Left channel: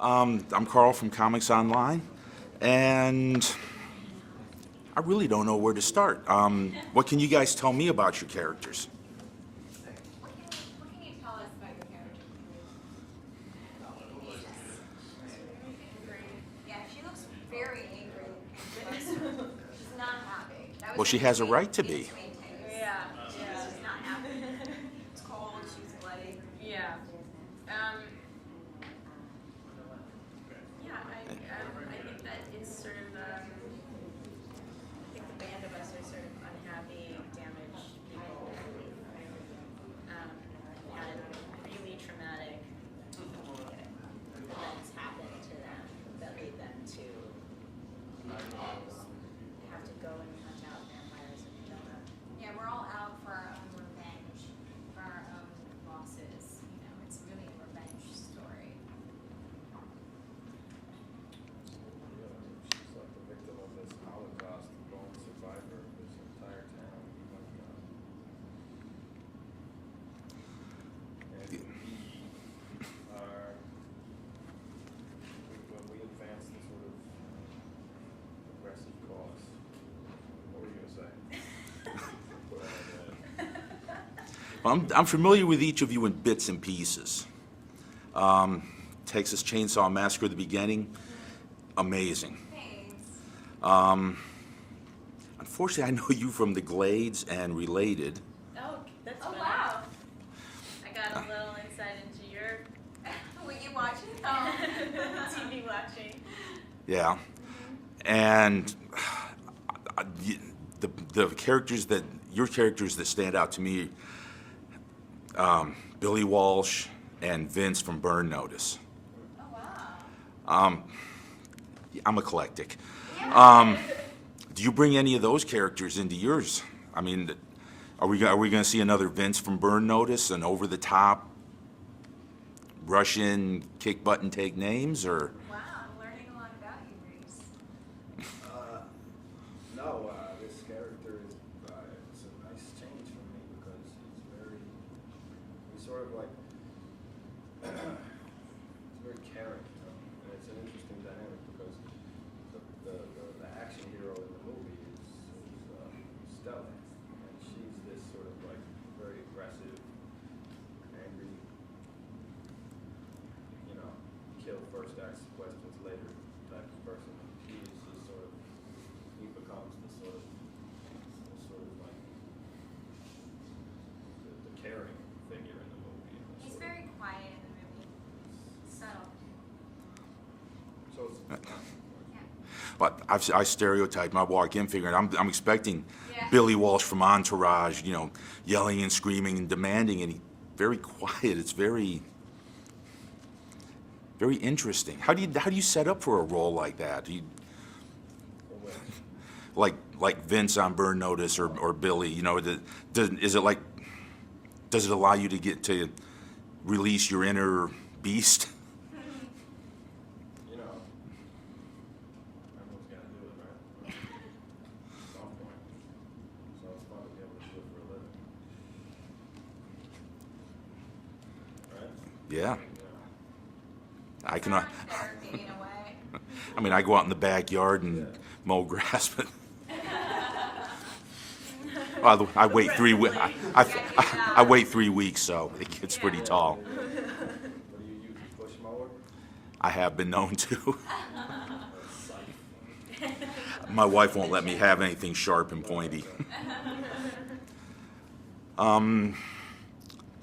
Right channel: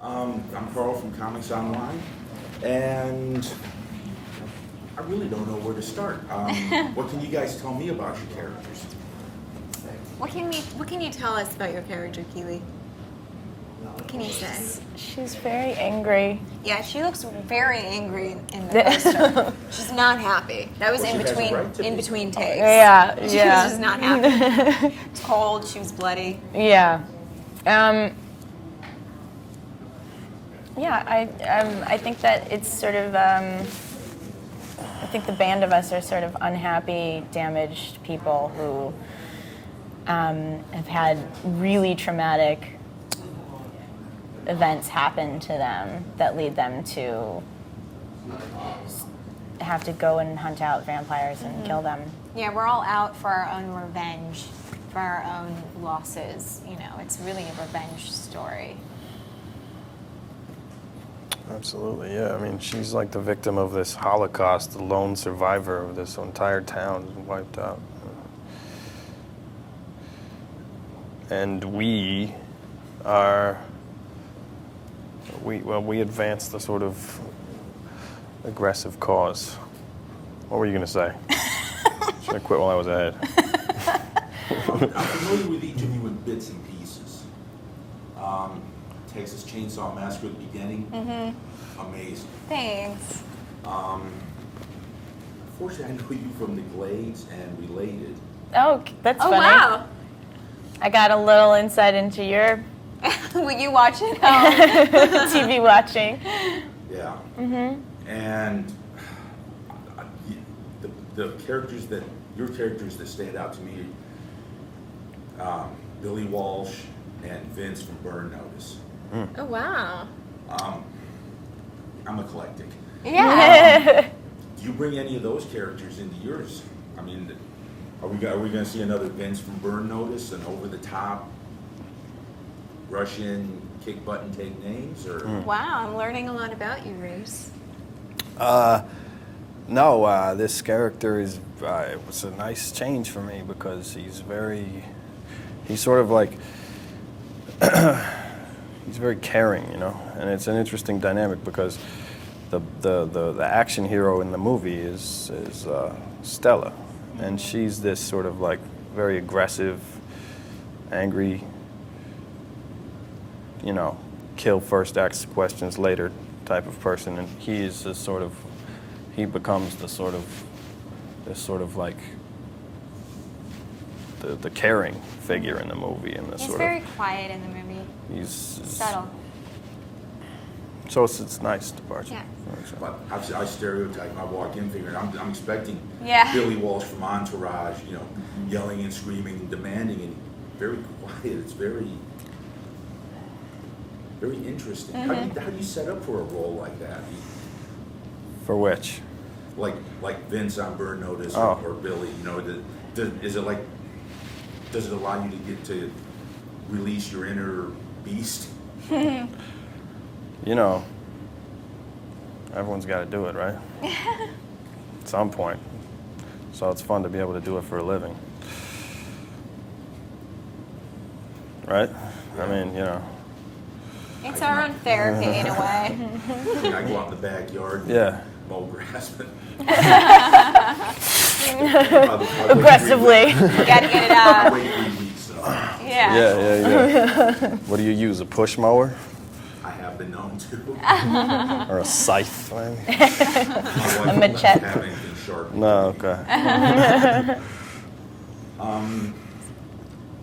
I'm Karl from ComicsOnline, and I really don't know where to start. What can you guys tell me about your characters? What can you tell us about your character, Keely? What can you say? She's very angry. Yeah, she looks very angry in the poster. She's not happy. That was Well, she has a right to in be. between takes. Yeah, She yeah. was just not happy. It's cold. She was bloody. Yeah. I think that it's sort of, I think the band of us are sort of unhappy, damaged people who have had really traumatic events happen to them that lead them to have to go and hunt out vampires and kill them. Yeah, we're all out for our own revenge, for our own losses. You know, it's really a revenge story. Absolutely, yeah. I mean, she's like the victim of this Holocaust, the lone survivor of this entire town wiped out. And we advance the sort of aggressive cause. What were you going to say? Should I quit while I was ahead? I'm familiar with each of you in bits and pieces. Texas Chainsaw Massacre at the beginning, amazing. Thanks. Unfortunately, I know you from The Glades and Related. Oh, that's Oh funny. wow. I got a little insight into your Will you watch it? TV watching. Yeah. And the characters your characters that stand out to me, Billy Walsh and Vince from Burn Notice. Oh wow. I'm eclectic. Yeah. Do you bring any of those characters into yours? I mean, are we going to see another Vince from Burn Notice, an over-the-top, rush in, kick button, take names, or? Wow, I'm learning a lot about you, Reese. No, this character is, it was a nice change for me because he's sort of like, he's very caring, you know, and it's an interesting dynamic because the action hero in the movie is Stella, and she's this sort of like very aggressive, angry, you know, kill first, ask questions later type of person, and he becomes this sort of like the caring figure in the movie, and He's very quiet in the movie. he's Subtle. So it's nice to watch. Yeah. But I stereotype. I walk in figuring I'm expecting Yeah. Billy Walsh from Entourage, you know, yelling and screaming and demanding, and very quiet. It's very interesting. How do you set up for a role like that? For which? Like Vince on Burn Notice or Billy, you know, does it allow you to get to release your inner beast? You know, everyone's got to do it, right? At some point. So it's fun to be able to do it for a living. Right? Yeah. I mean, you know. It's our own therapy in a way. I mean, I go out in the backyard and mow grass, but by the way, I wait 3 Aggressively. weeks. You gotta get it out. I wait 3 weeks, so it's Yeah. pretty tough. Yeah. What do you use, a push mower? I have been known to. Or a scythe? My wife won't let me machete. have anything sharp. and No, pointy. okay.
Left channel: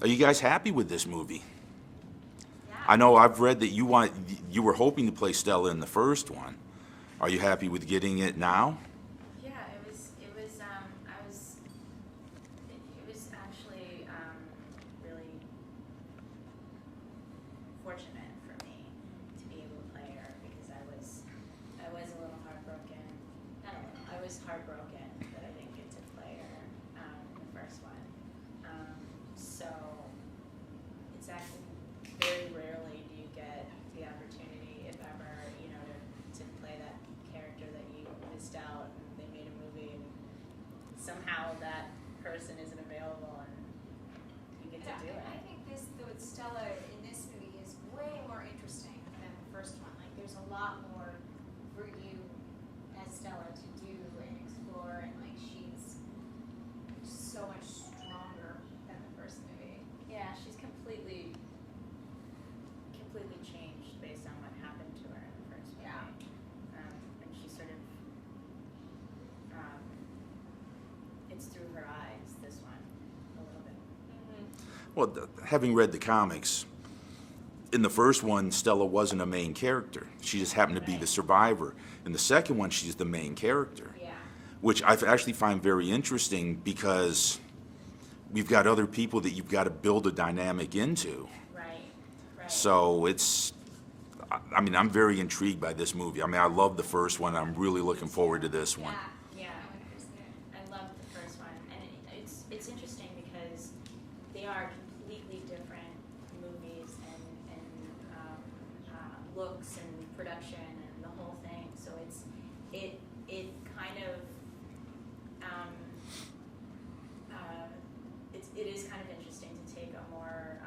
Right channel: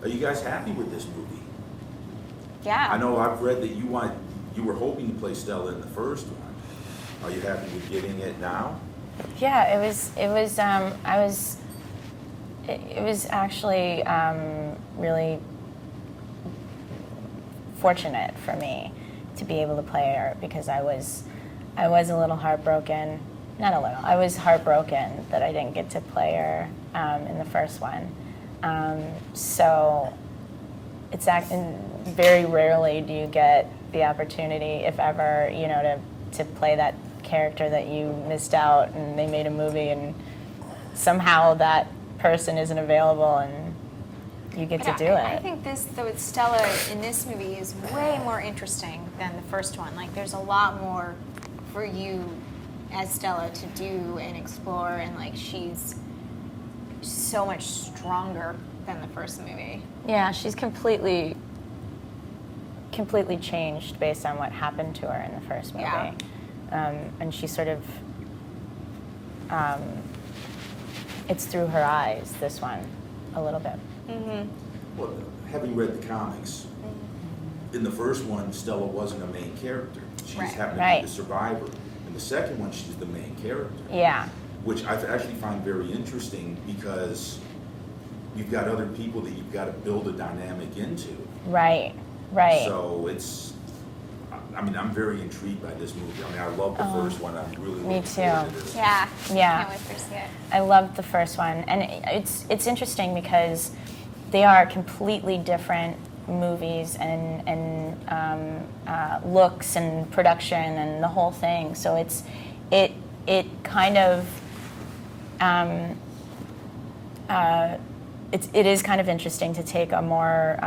Are you guys happy with this movie? Yeah. I know I've read that you were hoping to play Stella in the first one. Are you happy with getting it now? Yeah, it was actually really fortunate for me to be able to play her because I was a little heartbroken. Not a little. I was heartbroken that I didn't get to play her in the first one. So it's very rarely do you get the opportunity, if ever, you know, to play that character that you missed out and they made a movie and somehow that person isn't available and you get But to do I it. think Stella in this movie is way more interesting than the first one. Like, there's a lot more for you as Stella to do and explore, and like she's so much stronger than the first movie. Yeah, she's completely changed based on what happened to her in the first movie. Yeah. And she sort of, it's through her eyes, this one, a little bit. Well, having read the comics, in the first one, Stella wasn't a main character. She just happened to be Right. the survivor. In the second one, she's the main character. Yeah. Which I actually find very interesting because you've got other people that you've got to build a dynamic into. Right, right. So I mean, I'm very intrigued by this movie. I mean, I love the first one. I'm really looking forward to this one. Yeah. Yeah. Can't wait to see it. I loved the first one, and it's interesting because they are completely different movies and looks and production and the whole thing. So it kind of it is kind of interesting to take a more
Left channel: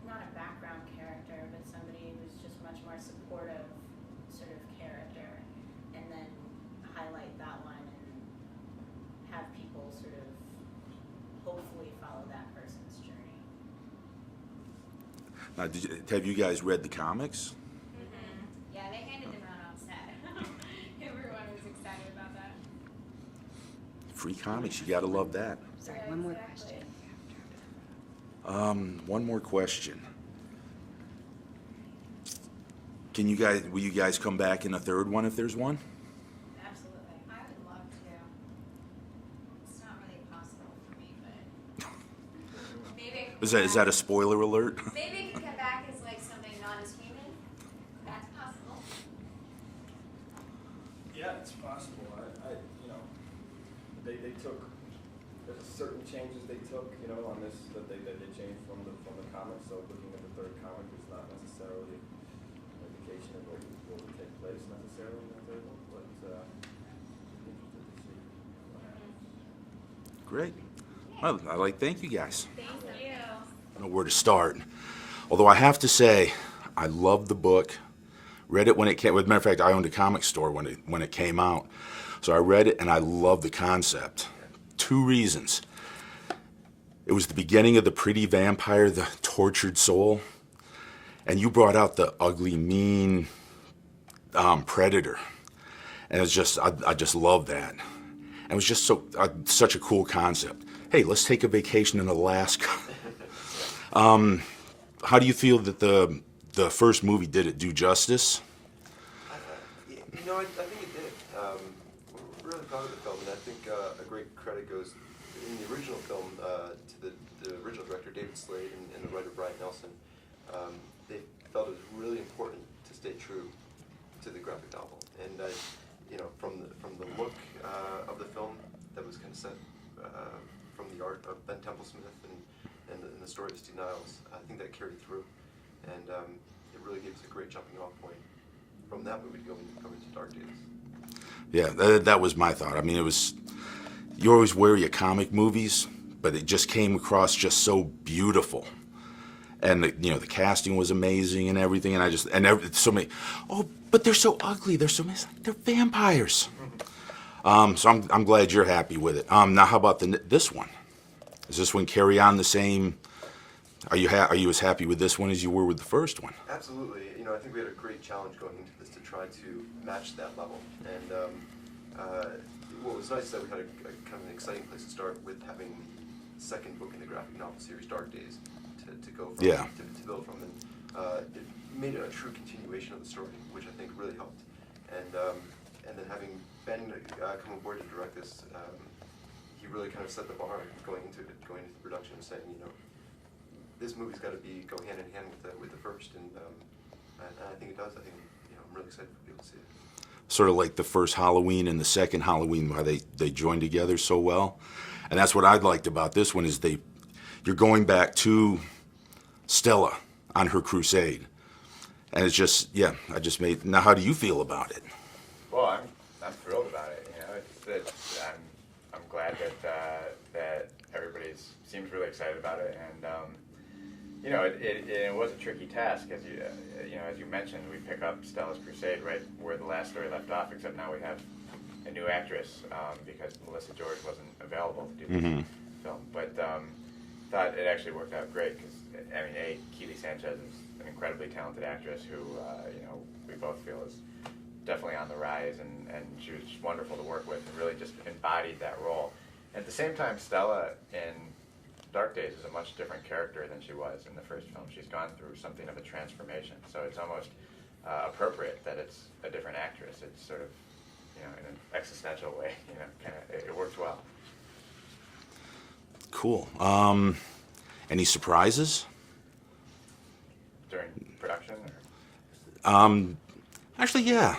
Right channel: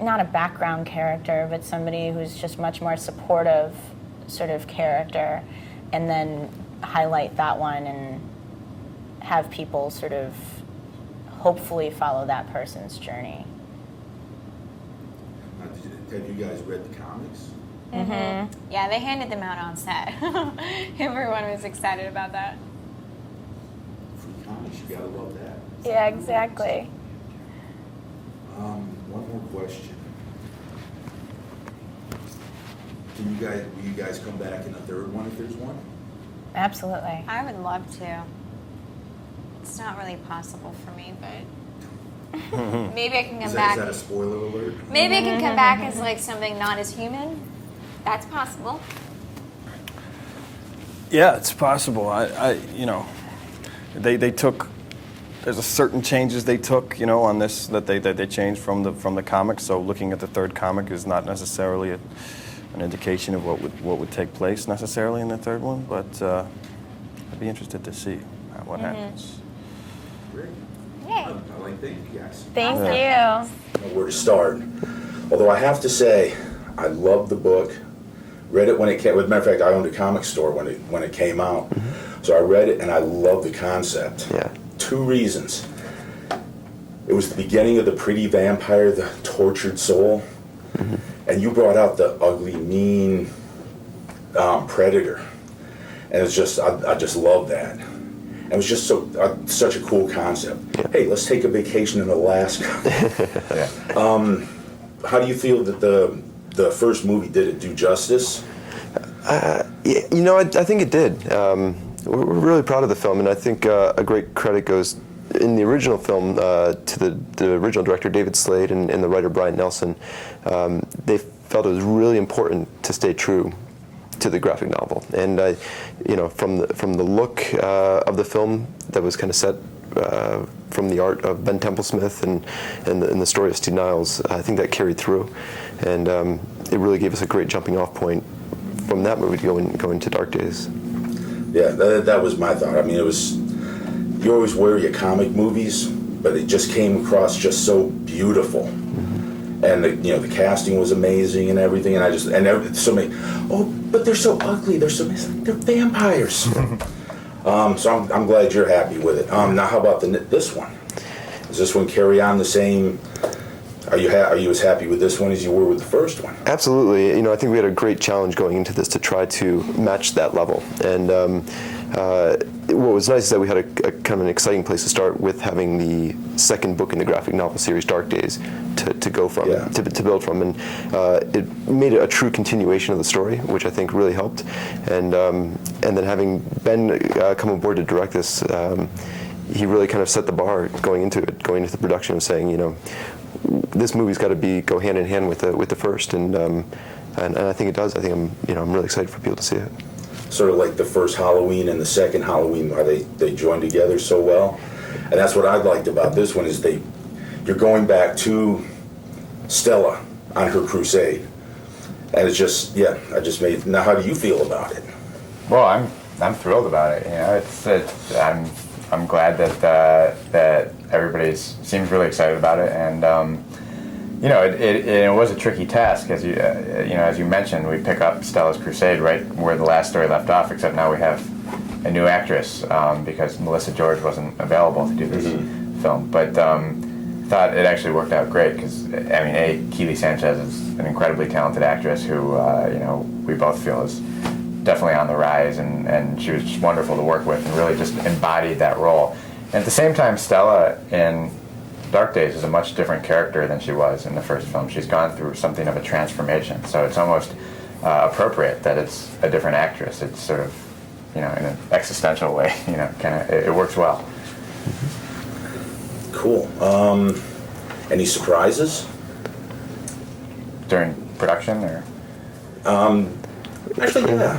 not a background character, but somebody who's just much more supportive sort of character, and then highlight that one and have people sort of hopefully follow that person's journey. Now, have you guys read the comics? Yeah, they handed them out on set. Everyone was excited about that. Free comics, you gotta love that. Yeah, exactly. One more question. Will you guys come back in a third one if there's one? Absolutely. I would love to. It's not really possible for me, but maybe I can come Is back. that a spoiler alert? Maybe I can come back as like something not as human. That's possible. Yeah, it's possible. They took. There's a certain changes they took, on this that they changed from the comics. So looking at the third comic is not necessarily an indication of what would take place necessarily in the third one. But I'd be interested to see what happens. Great. Yay. Well, thank you guys. Thank you. I don't know where to start. Although I have to say, I love the book. Read it when it came. As a matter of fact, I owned a comic store when it came out. So I read it and I love the concept. Yeah. 2 reasons. It was the beginning of the pretty vampire, the tortured soul, and you brought out the ugly, mean predator, and it's just I just love that. It was just such a cool concept. Yeah. Hey, let's take a vacation in Alaska. How do you feel that the first movie did it do justice? I think it did. We're really proud of the film, and I think a great credit goes in the original film to the original director David Slade and the writer Brian Nelson. They felt it was really important to stay true to the graphic novel, and from the look of the film that was kind of set from the art of Ben Templesmith and the story of Steve Niles, I think that carried through, and it really gave us a great jumping off point from that movie to go into Dark Days. Yeah, that was my thought. I mean, it was, you're always wary of comic movies, but it just came across just so beautiful. And the casting was amazing and everything, and so many, but they're so ugly, they're vampires. So I'm glad you're happy with it. Now how about this one? Does this one carry on the same? Are you as happy with this one as you were with the first one? Absolutely. I think we had a great challenge going into this to try to match that level. And what was nice is that we had a kind of an exciting place to start with having the second book in the graphic novel series, Dark Days, to go from, to build from. And it made it a true continuation of the story, which I think really helped. And then having Ben come aboard to direct this, he really kind of set the bar going into the production of saying, this movie's got to go hand in hand with the first, and I think it does. I think I'm really excited for people to see it. Sort of like the first Halloween and the second Halloween, how they joined together so well, and that's what I liked about this one is you're going back to Stella on her crusade, and it's just I just made. Now, how do you feel about it? Well, I'm thrilled about it. I'm glad that everybody seems really excited about it, and it was a tricky task, as you mentioned. We pick up Stella's Crusade right where the last story left off, except now we have a new actress because Melissa George wasn't available to do this film. But thought it actually worked out great because Keely Sanchez is an incredibly talented actress who we both feel is definitely on the rise, and she was just wonderful to work with and really just embodied that role. And at the same time, Stella in Dark Days is a much different character than she was in the first film. She's gone through something of a transformation, so it's almost appropriate that it's a different actress. It's sort of, in an existential way, it works well. Cool. Any surprises? During production, or? Actually, yeah.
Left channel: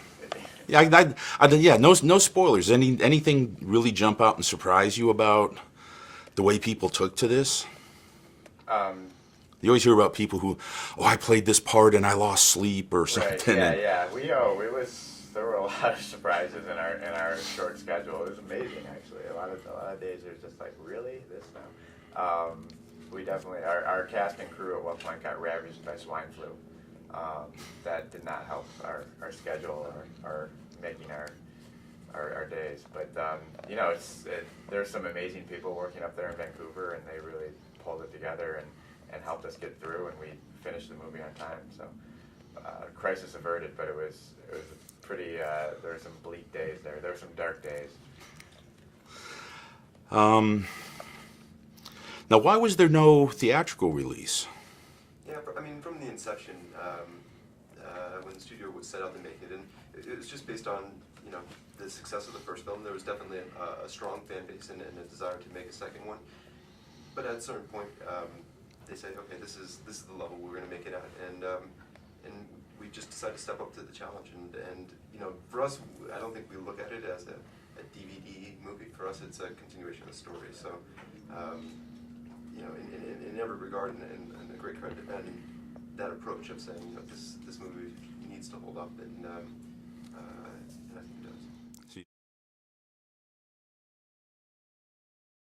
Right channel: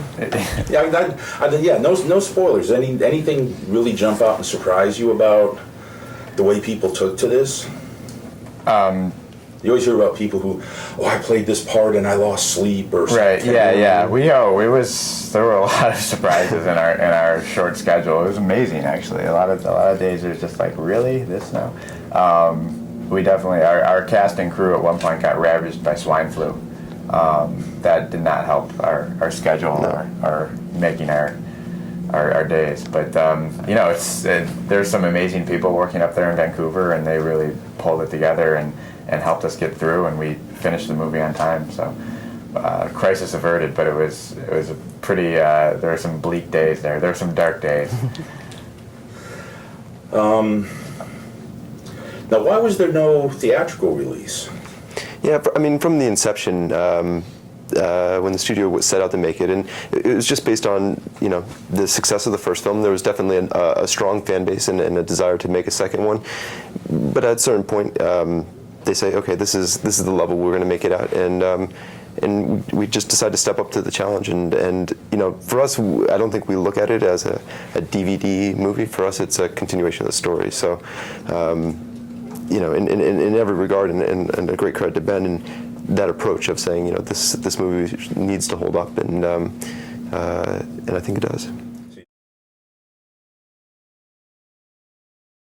Yeah, no spoilers. Anything really jump out and surprise you about the way people took to this? You always hear about people who, I played this part and I lost sleep or something. Right. Yeah. There were a lot of surprises in our short schedule. It was amazing, actually. A lot of days it was just like, really, this now. We definitely our cast and crew at one point got ravaged by swine flu. That did not help our schedule or making our days. But there's some amazing people working up there in Vancouver, and they really pulled it together and helped us get through, and we finished the movie on time. So crisis averted, but it was a pretty. There were some bleak days there. There were some dark days. Now, why was there no theatrical release? Yeah, from the inception, when the studio set out to make it, and it was just based on the success of the first film. There was definitely a strong fan base and a desire to make a second one, but at a certain point, they say, okay, this is the level we're going to make it at, and we just decided to step up to the challenge. And for us, I don't think we look at it as a DVD movie. For us, it's a continuation of the story. So. In every regard, and a great credit to Ben and that approach of saying, this movie needs to hold up, and I think it does.